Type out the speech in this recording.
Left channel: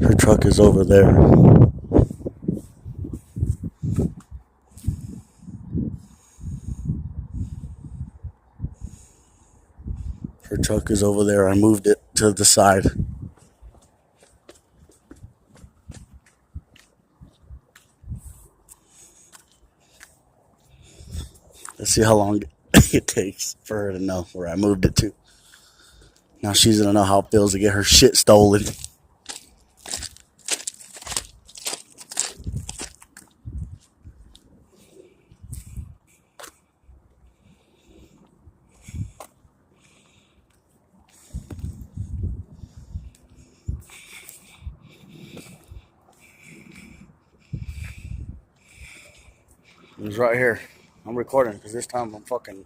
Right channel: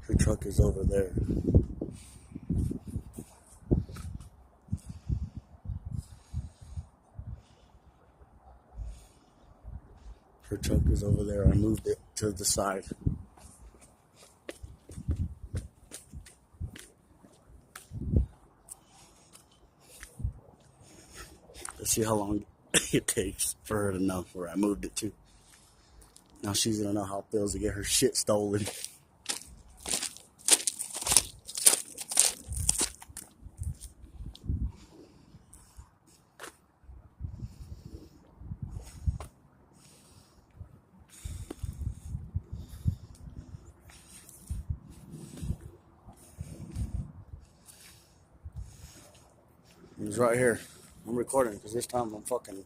Her truck is over there. Her truck is over there. I moved it to the side. Let's see how long it takes for her to know where I moved it to. Now she's gonna know how it feels to get her shit stolen. It's right here. I'm recording because this time I'm fucking